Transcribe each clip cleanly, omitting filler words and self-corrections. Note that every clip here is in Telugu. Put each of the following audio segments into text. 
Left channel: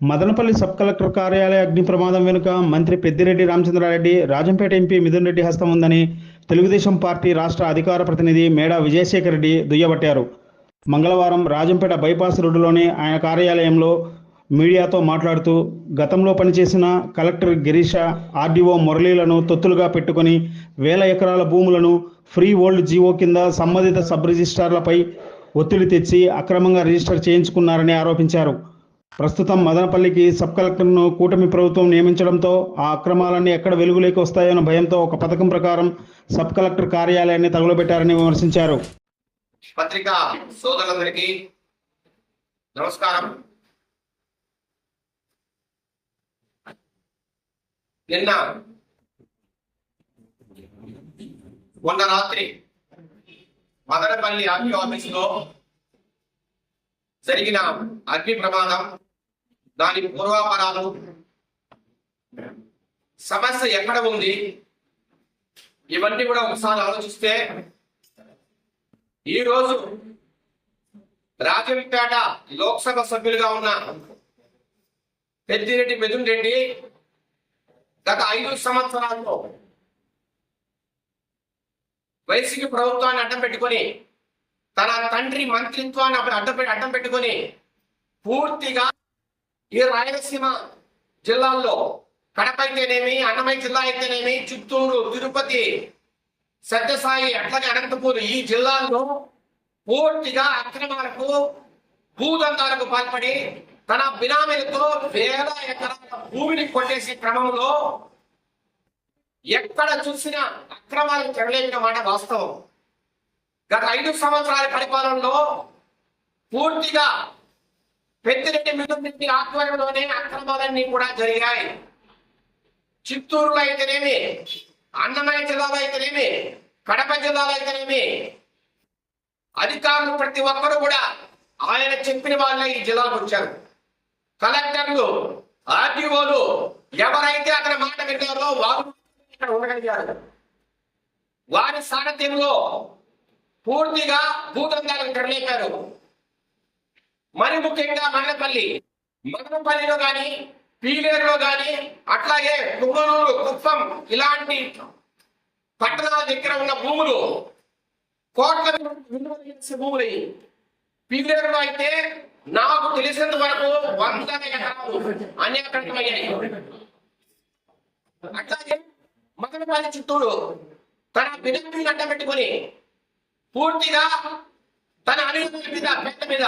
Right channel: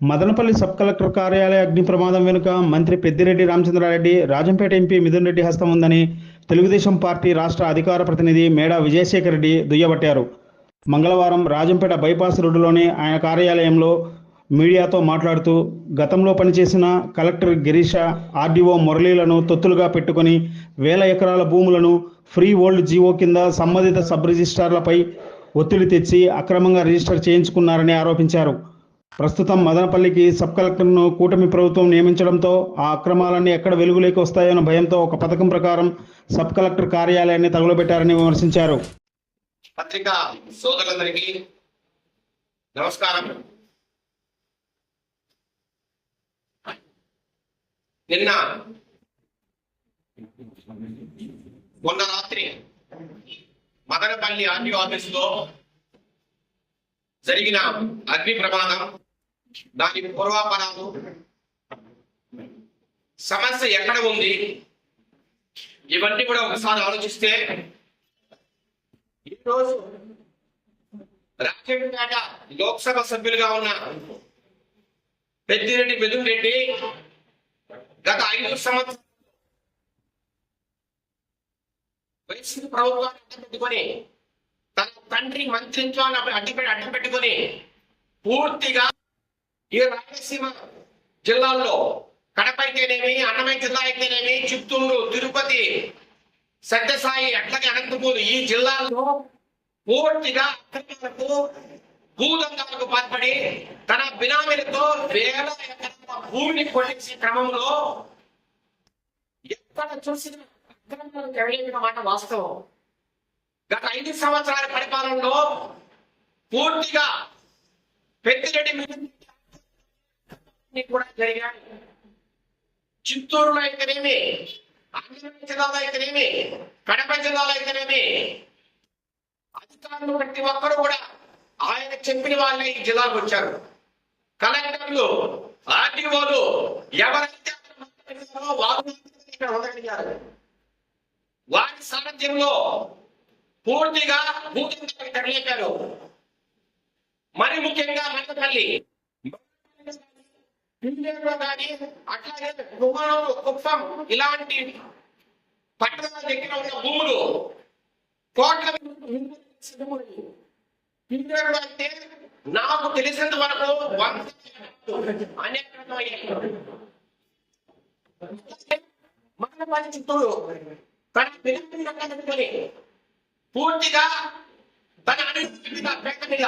మదనపల్లి సబ్ కలెక్టర్ కార్యాలయ అగ్ని ప్రమాదం వెనుక మంత్రి పెద్దిరెడ్డి రామచంద్రారెడ్డి, రాజంపేట ఎంపీ మిథున్ రెడ్డి హస్తం ఉందని తెలుగుదేశం పార్టీ రాష్ట్ర అధికార ప్రతినిధి మేడా విజయశేఖర్ రెడ్డి దుయ్యబట్టారు. మంగళవారం రాజంపేట బైపాస్ రోడ్డులోని ఆయన కార్యాలయంలో మీడియాతో మాట్లాడుతూ, గతంలో పనిచేసిన కలెక్టర్ గిరీష, ఆర్డీఓ మురళీలను తొత్తులుగా పెట్టుకుని వేల ఎకరాల భూములను ఫ్రీ హోల్డ్ జీవో కింద సంబంధిత సబ్ రిజిస్ట్రార్లపై ఒత్తిడి తెచ్చి అక్రమంగా రిజిస్టర్ చేయించుకున్నారని ఆరోపించారు. ప్రస్తుతం మదనపల్లికి సబ్ కలెక్టర్ను కూటమి ప్రభుత్వం నియమించడంతో ఆ అక్రమాలన్నీ ఎక్కడ వెలుగులోకి వస్తాయన్న భయంతో ఒక పథకం ప్రకారం సబ్ కలెక్టర్ కార్యాలయాన్ని తగులబెట్టారని విమర్శించారు. పత్రికా సోదరులందరికీ నమస్కారం. మొన్న రాత్రి మదనపల్లి ఆర్టీఓ ఆఫీసులో జరిగిన అగ్ని ప్రమాదం, దాని పూర్వాపరాలు, సమస్య ఎక్కడ ఉంది, ఇవన్నీ కూడా ఒకసారి ఆలోచిస్తే ఈరోజు రాజంపేట లోక్సభ సభ్యులుగా ఉన్న పెద్దిరెడ్డి మిథున్ రెడ్డి గత 5 సంవత్సరాల్లో వైసీపీ ప్రభుత్వాన్ని అడ్డం పెట్టుకొని, తన తండ్రి మంత్రిత్వాన్ని అడ్డం పెట్టుకొని పూర్తిగా ఈ రాయలసీమ జిల్లాల్లో కడప అయితేనేమి, అన్నమయ్య జిల్లా అయితేనేమి, చిత్తూరు, తిరుపతి, సత్యసాయి, అట్లాగే అనంతపూర్, ఈ జిల్లాల్లో పూర్తిగా అక్రమాలకు, భూదందాలకు పాల్పడి తన బినామీలతో వేల ఎకరాల భూమిని కొట్టేసే క్రమంలో ఎక్కడ చూసినా అక్రమాలకు తెరలేపిన మాట వాస్తవం. గత 5 సంవత్సరాల పరిపాలనలో పూర్తిగా పెద్దిరెడ్డి మిథున్ రెడ్డి ఆధ్వర్యంలోనే అక్రమాలన్నీ కూడా జరిగాయి. చిత్తూరులో అయితేనేమి, అన్నమయ్య జిల్లాలో అయితేనేమి, కడప జిల్లాలో అయితేనేమి, అధికారులు ప్రతి ఒక్కరు కూడా ఆయన చెప్పిన వాళ్ళే ఈ జిల్లాకు వచ్చారు. కలెక్టర్లు, ఆర్టీఓలు ఎవరైతే అక్కడ మాట విన్నారో వారు ఇక్కడ ఉండగలిగారు. వారి సారథ్యంలో పూర్తిగా భూదందాలకు తెరలేపారు. మరి ముఖ్యంగా మదనపల్లిలో కానీ, పీలేరులో కానీ, అట్లాగే కుమ్మనూరు, కుప్పం ఇలాంటి పట్టణాల దగ్గర ఉన్న భూములు కోట్ల భూములు. పీలేరులో అయితే నాకు తెలిసినంత వరకు 100 ఎకరాలు అన్యాక్రాంతం అయ్యాయి. అట్లాగే మదనపల్లి, చిత్తూరు తన బినామీని అడ్డం పెట్టుకొని పూర్తిగా తన అనుమతుల మీద, పేట మీద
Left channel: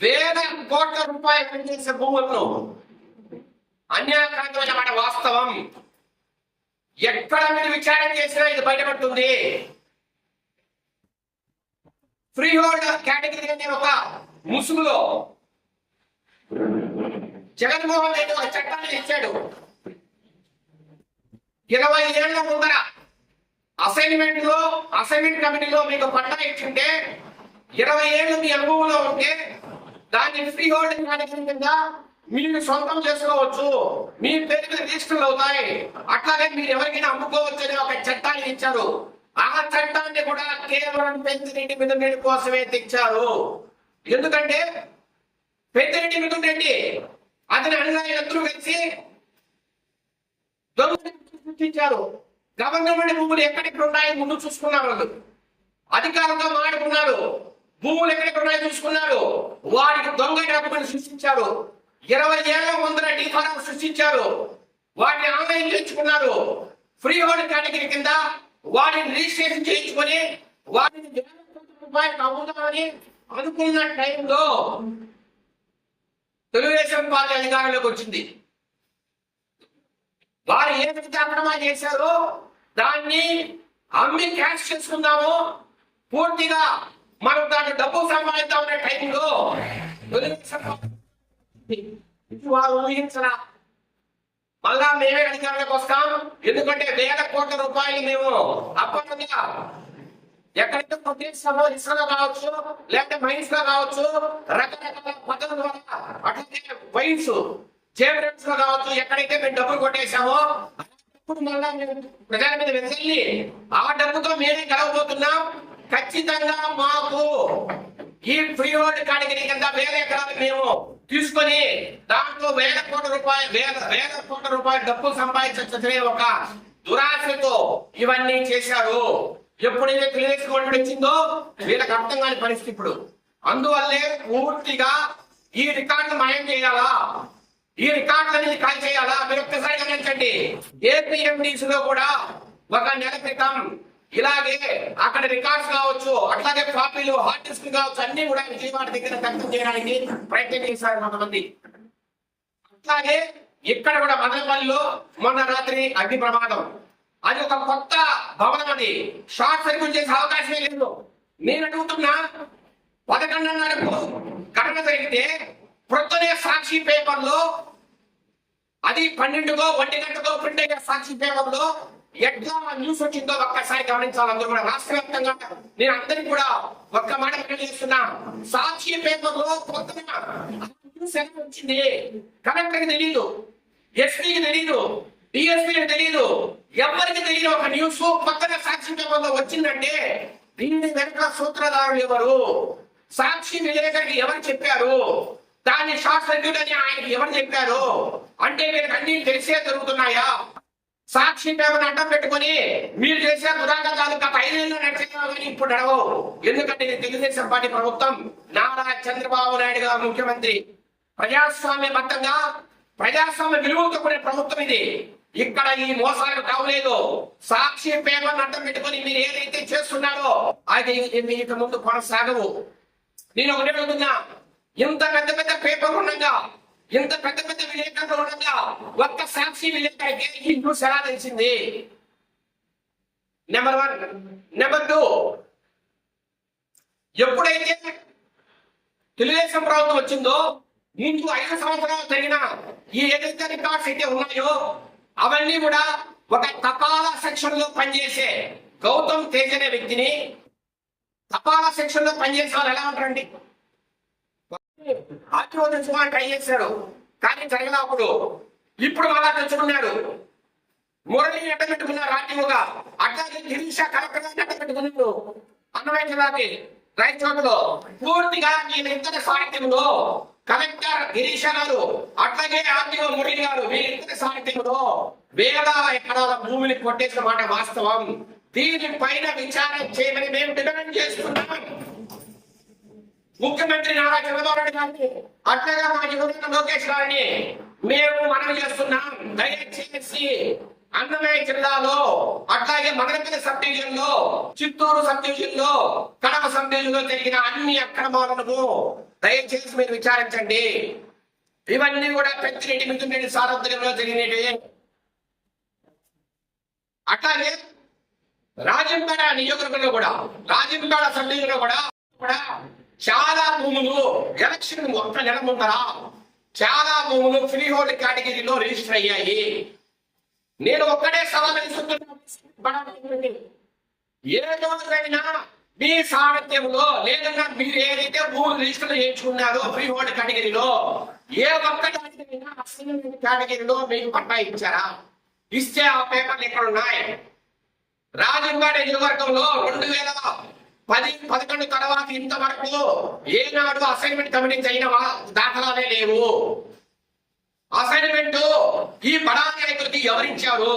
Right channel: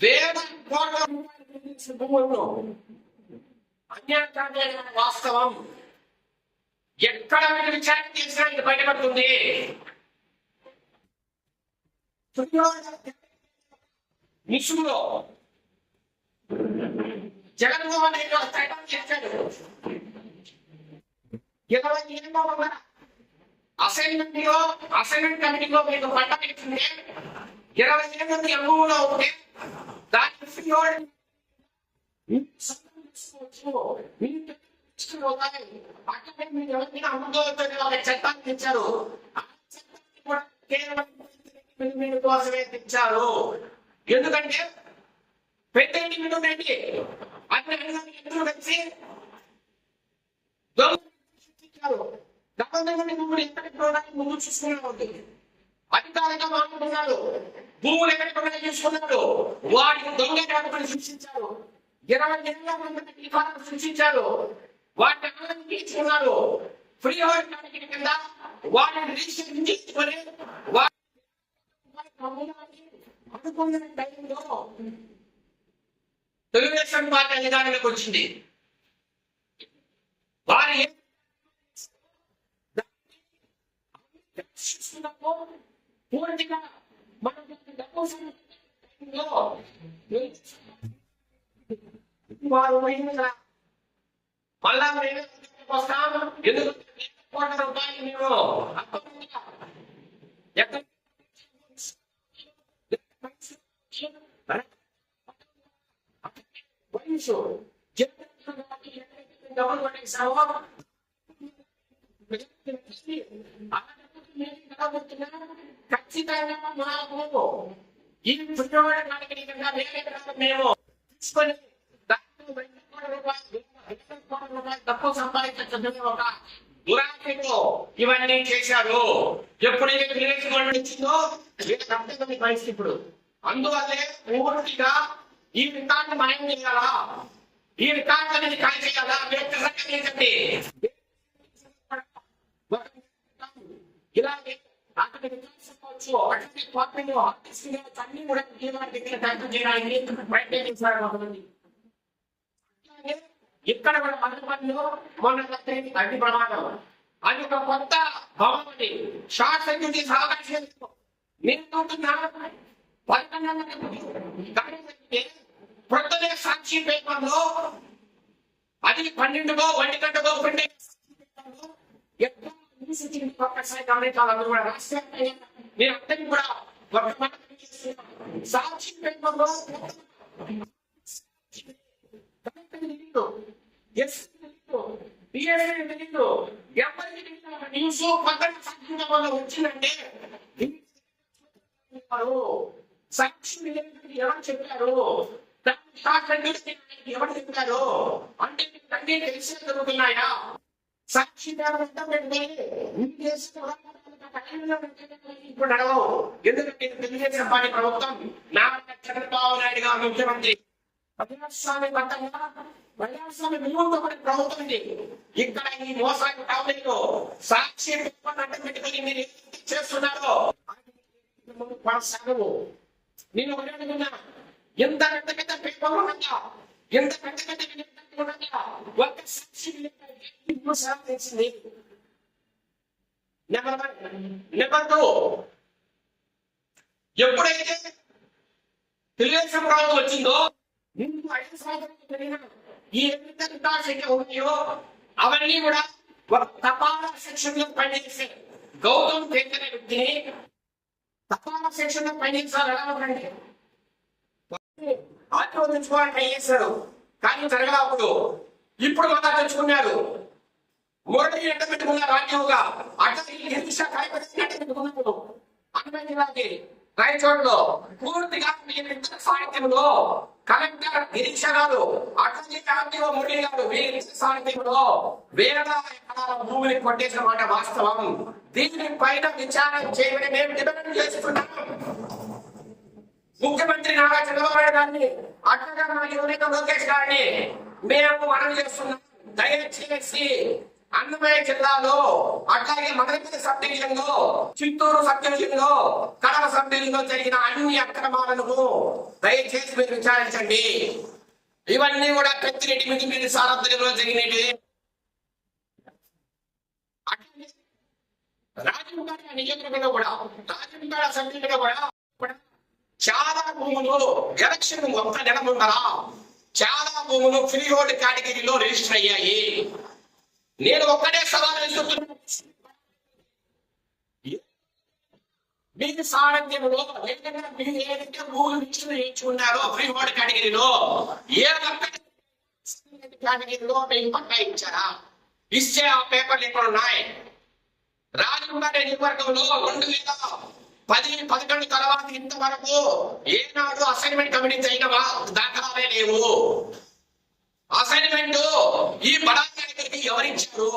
వేల కోట్ల రూపాయలు పనిచేసే భూములను అన్యాయకారమైన మాట వాస్తవం. ఎక్కడ మీరు విచారణ చేసినా ఇది బయటపడుతుంది. ఫ్రీ హోల్డ్ కేటగిరీ అనే ఒక ముసుగులో జగన్మోహన్ రెడ్డి ఒక చట్టాన్ని ఇచ్చాడు. 20 ఏళ్ల ముందర అసైన్మెంట్ కమిటీలో మీకు పట్టా ఇచ్చింటే 20 ఏళ్ళు మీ అనుభవంలో ఉంటే దాన్ని ఫ్రీ హోల్డ్ కేటగిరీ కింద మీరు సొంతం చేసుకోవచ్చు, మీ పేరు మీద రిజిస్టర్లు అవుతాయి, అట్లాగే మీరు ఎవరికైనా అమ్ముకోవచ్చు అని ఒక చట్టాన్ని ఇచ్చారు. ఆ చట్టాన్ని కూడా కేవలం పెద్దిరెడ్డి మిథున్ రెడ్డి కోసమే తెచ్చారు. ఎందుకంటే పెద్దిరెడ్డి మిథున్ రెడ్డి అతని అనుయాయులందరూ కలిసి దొంగ సృష్టించారు. గవర్నమెంట్ భూములు ఎక్కడెక్కడ ఉన్నాయని ముందు చూసుకున్నారు. వాళ్ళు అధికారులతో మాట్లాడుకున్నారు, భూములు ఎక్కడెక్కడ ఉన్నాయో చూసుకున్నారు, వాటికి దొంగ డాక్యుమెంట్ సృష్టించారు. 20 ఏళ్ల ముందర డిఫారం సృష్టించారు, వాటిని ఆన్లైన్ చేయించుకున్నారు. ఫ్రీ హోల్డ్ కేటగిరీ కింద వాటిని రిజిస్ట్రేషన్ చేయించుకొని వాటిని రూపాయలు అమ్ముదామని అనుకున్న టైంలో తెలుగుదేశం పార్టీ అధికారంలోకి వచ్చింది. వారు ఏదైతే అక్రమాలు చేశారో దాన్ని అమ్మి క్యాష్ చేసుకుందాము, పూర్తిగా మనం దాన్ని డబ్బు సంపాదిద్దామనే టైంలో వారు ఊహించరా మళ్ళా మేమే అధికారంలోకి వస్తాం. ఎందుకంటే వేల కోట్ల రూపాయలు మేము అప్పటిగా ఎక్కడైతే ప్రదేశంలో ఇసుకలో కావచ్చు, లేకపోతే మైన్స్ లో కావచ్చు, రకరకాల పద్ధతుల ద్వారా అట్లాగే వైన్స్ జేబురెంట్స్ లో కావచ్చు, ఎక్కడైతే మేము డబ్బులు కొట్టేసామో అప్పుడు మళ్ళా మేము ప్రజల మీద వెళ్లి ఆ డబ్బుతో మేమే గెలవబోతున్నాం. ఖచ్చితంగా మాకు ఈ ఫ్రీ హోల్డ్ కేటగిరీ కింద వేల ఎకరాలు మేము తీసుకొని దాంట్లో వేల కోట్ల రూపాయలు డబ్బులు సంపాదించే ఒక దురాశతో ఇవన్నీ చేశారు. ఎప్పుడైతే తెలుగుదేశం గవర్నమెంట్ వచ్చిందో వీళ్ళకి అర్థం కాని పరిస్థితి ఇప్పుడు. అందువల్లే పూర్తిగా ఈ రికార్డు మాయం చేయాలా, ఈ రికార్డులని కాల్ చేయాలా. మీరు ఒక్కసారి గమనించండి, ఏపీఎండిసి లో కూడా ఒక నెల క్రితం ఇలాగే అక్కడ రికార్డ్స్ కావచ్చు, అట్లాగే కాపీలు హార్డ్ డిస్క్ కావచ్చు, అన్ని కూడా విజయవాడ దగ్గర దగ్ధం చేయడానికి ప్రయత్నం చేశారు కొంతమంది. అట్లాగే ఇక్కడ కూడా మదనపల్లిలో మొన్న రాత్రి అగ్ని ప్రమాదం. అది ఒక కొత్త భవనం, అది షార్ట్ సర్క్యూట్ చేసే అవకాశమే లేదు. నేను అడుగుతున్నా, 11:30కు ఘటన జరిగితే ప్రొద్దునే సాక్షి పేపర్లో, అది 12కో 1 గంటకో ప్రింట్ అయ్యే సాక్షి పేపర్లో ఎట్లా న్యూస్ వచ్చిందో ఒక్కసారి గమనించాలి అందరూ కూడా. రాష్ట్ర వ్యాప్తంగా నేను అందరికి కూడా ఒక్క మాట చేస్తున్నా, సాక్షి పేపర్లో కొత్తగా న్యూస్ ఎలా వచ్చింది కలెక్టర్కి తెలియదు, ఎస్పీకి తెలియదు, డిఎస్పీకి తెలియదు, ఎవరికి తెలియదు. ఒక న్యూస్ కొత్తగా సాక్షి పేపర్లో వచ్చిందంటే దీని వెనక సూత్రధారులు ఎవరు, సాక్షి విలేకరికి ఎవరు చెప్పారు, దాన్ని షార్ట్ సర్క్యూట్ అని ఆయనకి ఎవరు చెప్పారు అంటే వీళ్ళకి అన్ని తెలిసే జరుగుతున్నాయా? సాక్షి పేపర్ని అడ్డం పెట్టుకుని మీరు చేసే దురాగతాలు గత 5 ఏళ్ళు నడిచేవాళ్ళని ఇప్పుడు నడవవు. ఎందుకంటే ఇది తెలుగుదేశం పార్టీ ప్రభుత్వం, నారా చంద్రబాబు నాయుడు గారు ముఖ్యమంత్రి, ప్రజాస్వామ్యబద్ధంగా ప్రజాస్వామ్య విలువలతో కూడిన ప్రభుత్వం ఇది. ఇక్కడ ఈ మోసాలు కావలేదు. సాక్షి పేపర్ని అడ్డం పెట్టుకుని మీరు ఏదైతే చేస్తున్నారో అది ఇక ముందు కొనసాగవు. నేను ఒకటే అడుగుతున్నా, ఇంత పెద్ద పెద్ద పేపర్లు ఉండగా, ఇంత పెద్ద పెద్ద విలేకరులు ఉండగా ఒక్క సాక్షి విలేకరికి ఈ న్యూస్ ఎలా తెలిసింది? నెంబర్ 1. నెంబర్ 2, ఎప్పుడైతే తెలుగుదేశం ప్రభుత్వం వచ్చిందో ముందు 5 సంవత్సరాలు జరిగిన ఈ ఏదైతే రికార్డ్స్ అయితే ఉన్నాయో అవన్నీ కూడా ఒక తపాలా సెక్షన్ లో పనిచేసే గౌతమ్ తేజ్ అనే వ్యక్తిని, తపాలా సెక్షన్ లో పనిచేసే వాళ్ళు ఎలా ఉంటారండి, ఆర్టీఓ తెచ్చుకోవాలని ట్రై చేశారు కానీ జరగలా. అప్పుడు ఇప్పుడు మళ్ళా తెచ్చుకున్నారు. మురళి అడ్డ పెట్టుకున్నారు ఆర్టీఓగా, అట్లాగే గిరీష కలెక్టర్ అడ్డ పెట్టుకున్నారు అన్నమయ్య జిల్లాకి రాయచోటలో. పూర్తిగా వీళ్ళిద్దరి సాహిత్యంలో కలెక్టర్ గిరీష గారు అట్లాగే ఆర్టీఓ మురళి గారు వీళ్ళిద్దరి సాహిత్యంలో వేల ఎకరాల భూమిని కొట్టేసిన మాట వాస్తవం. దీనిపైన విచారణ చేయమని మేము డిమాండ్ చేస్తున్నాం. ముఖ్యమంత్రి నారా చంద్రబాబు నాయుడు గారిని అట్లాగే మా యువనేత లోకేష్ గారిని మేము మనవి చేస్తున్నాం, దయచేసి అన్నమయ్య జిల్లాలో అట్లాగే మదనపల్లి సబ్ డివిజన్ లో, చిత్తూరు సబ్ డివిజన్ లో, కడప సబ్ డివిజన్ లో జరిగిన అన్ని అక్రమాలను దయచేసి మీరు విచారించండి. ఇవన్నీ కూడా పెద్దిరెడ్డి మిథున్ రెడ్డి సారథ్యంలో జరిగినవి. అట్లాగే రాజంపేట నియోజకవర్గంలో కూడా, రాజంపేట సబ్ డివిజన్ లో కూడా చాలా భూములు ఎలక్షన్ ఒక్క నెల ముందర చాలా భూములు ఫ్రీ హోల్డ్ కేటగిరీలో రిజిస్టర్ అయ్యాయి. నేను ఒక్కడే సవాల్ విసురుతున్నాను, ఏ రోజైనా మీ సారథ్యంలో లేదన్నా మీరు ఏదైతే భూములు రిజిస్టర్ చేయించుకున్నారో ఫ్రీ హోల్డ్ కేటగిరీలో ఏ ఒక్క కేటగిరీలో మీకు పట్టా ఇచ్చారా? ఇచ్చే ఆ పేపర్లు ఎక్కడ ఉన్నాయి? రాజంపేట నియోజకవర్గంలో 2010-11 తర్వాత ఇంతవరకు ఏనాడు అసైన్మెంట్ కమిటీ అయిన దాఖలాలే లేవు. అసైన్మెంట్ ఈ బడా నాయకులకి ఎవరిచ్చారు?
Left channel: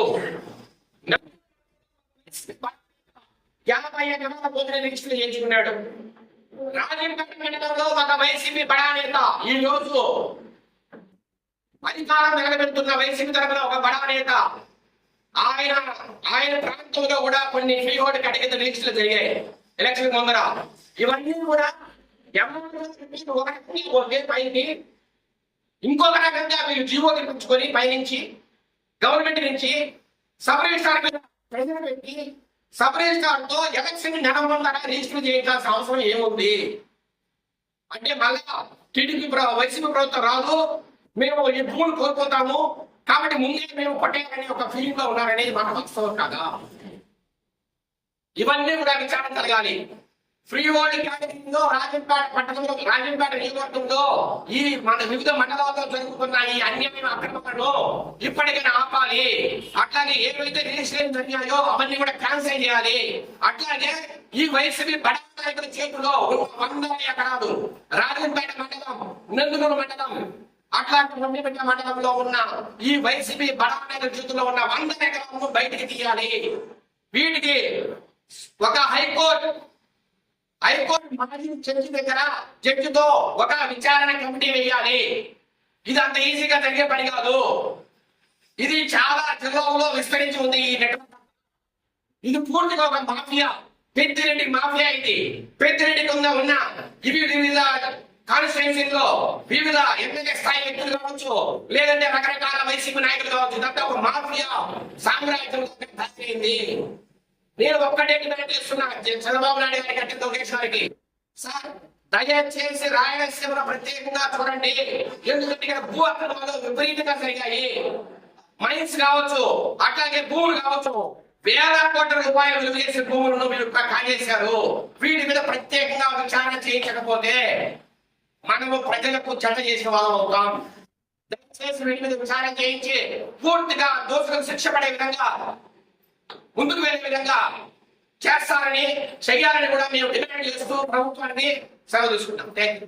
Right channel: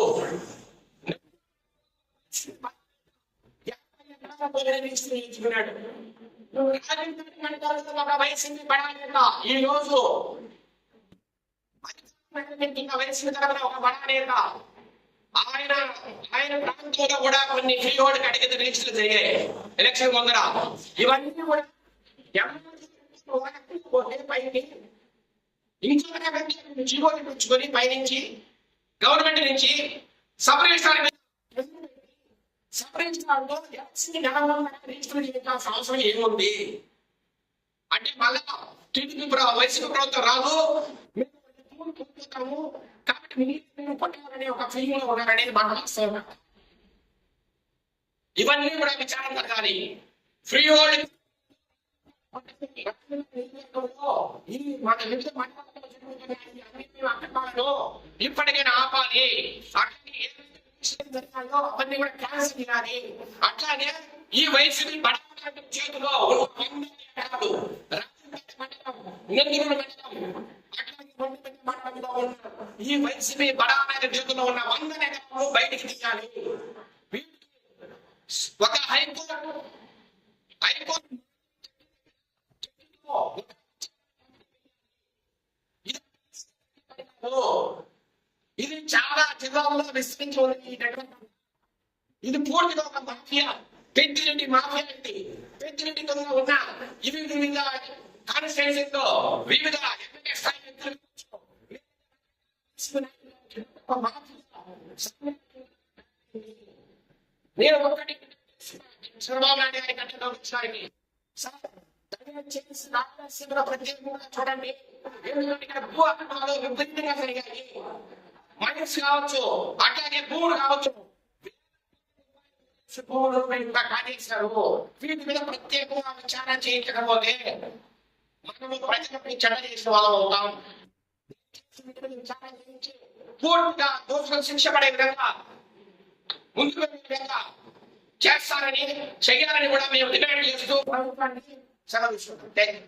50 ఎకరాల భూమిని రిజిస్టర్ చేయించుకున్నాడు. రాజంపేట మండలంలో ఒక వైసీపీ బడా నేత ఈ రోజు అధికారం నిలబెడుతున్న వైసీపీ తరపున ఒక బడా నేత ఆయన ప్రాంతంలో కూడా కొన్ని ఫ్రీ హోల్డ్ కేటగిరీ రిజిస్టర్లు జరిగాయి ఎలక్షన్ ముందర. ఇవన్నీ కూడా పైకి ఇంకొక రకంగా మీరు జీవో తెప్పించుకొని పైనుంచి గవర్నమెంట్ నుంచి సబ్ రిజిస్ట్రార్ ప్రెజర్ పెట్టి సబ్ రిజిస్ట్రార్ తో ఎలక్షన్ నెల ముందర రిజిస్టర్ చేయాల్సిన అవసరం ఏముంది అంటే మళ్ళా టీడీపీ వైసీపీ ప్రభుత్వం రాదు, మేము ఈ భూములు కోల్పోతాము కాబట్టి ముందే మేము కొట్టేయాలని ఒక ఫీలింగ్ లో ఉన్నారనేది మన వాస్తవం కాదా? ఇవన్నీ కూడా విచారణ జరగాలి. ఫ్రీ హోల్డ్ కేటగిరీలో రాజంపేట పట్టణంలో, రాజంపేట నియోజకవర్గంలో ఈ మన వివిధ మండలాల్లో జరుగుతున్న ఈ అన్యాయం అక్రమాలను ఇప్పటికైనా ఆపాలి. అట్లాగే ఏవైతే రిజిస్ట్రేషన్ జరిగాయో అవన్నీ కూడా క్యాన్సిల్ చేయాలి. అట్లాగే ఈ వైసీపీ బడా నాయకుల చేతిలో 100 ఎకరాలు రాజంపేట మండలం నందులూరు మండలం అట్లాంటి వండిపెట్ట మండలంలో ఉన్న ఈ వైసీపీ బడా నాయకుల చేతుల్లో ఉన్న 100 ఎకరాలను బయటికి తీయాలి. వీటికి ఒక హైకోర్టు మాజీ జడ్జి దగ్గర జడ్జితో ఒక విచారణ కమిటీ వేయాలి. ఇది అంత ఈజీగా జరిగే పని కాదు. ఇది చాలా జిల్లాల్లో విస్తరించి ఉంది ఈ నెట్వర్క్. ఇది పూర్తిగా ఒక మాఫియా, పెద్దిరెడ్డి మాఫియా. ఇది పెద్దిరెడ్డి ఉన్న ఇవి వివిధ కాన్స్టిట్యున్సీల్లో వివిధ ఎమ్మెల్యే స్థాయి వ్యక్తులు కావచ్చు, లేదంటే రకరకాల వైసీపీ నాయకులు కావచ్చు. ఇదంతా ఒక మాఫియా సామ్రాజ్యం తయారైంది. నేను ఒక్కటే డిమాండ్ చేస్తున్నా చంద్రబాబు నాయుడు గారికి అంటే లోకేష్ గారికి, సార్ దయచేసి రాయలసీమలో ప్రత్యేకంగా చూడండి. ఎందుకంటే ఇక్కడ భూ అక్రమాలు విపరీతంగా జరిగాయి. మైన్స్ కావచ్చు, అట్లాగే భూములు కావచ్చు, వేల కోట్ల రూపాయలు విలువ చేసే భూములను మీరు కాజేశారు. వీటి మీద ప్రత్యేకంగా విచారణ చేయించకపోతే మనము ప్రజలకు చెడ్డ చేసే వాళ్ళం అవుతాం. దయచేసి వీటి మీద విచారణ చేయించి పూర్తిగా దోషులకు శిక్ష పడే విధంగా ముందుకు వెళ్ళే విధంగా చేస్తారని, చెయ్యాలని కూడా మేము డిమాండ్ చేస్తూ ప్రభుత్వాన్ని సెలవు తీసుకుంటాం. Thank you.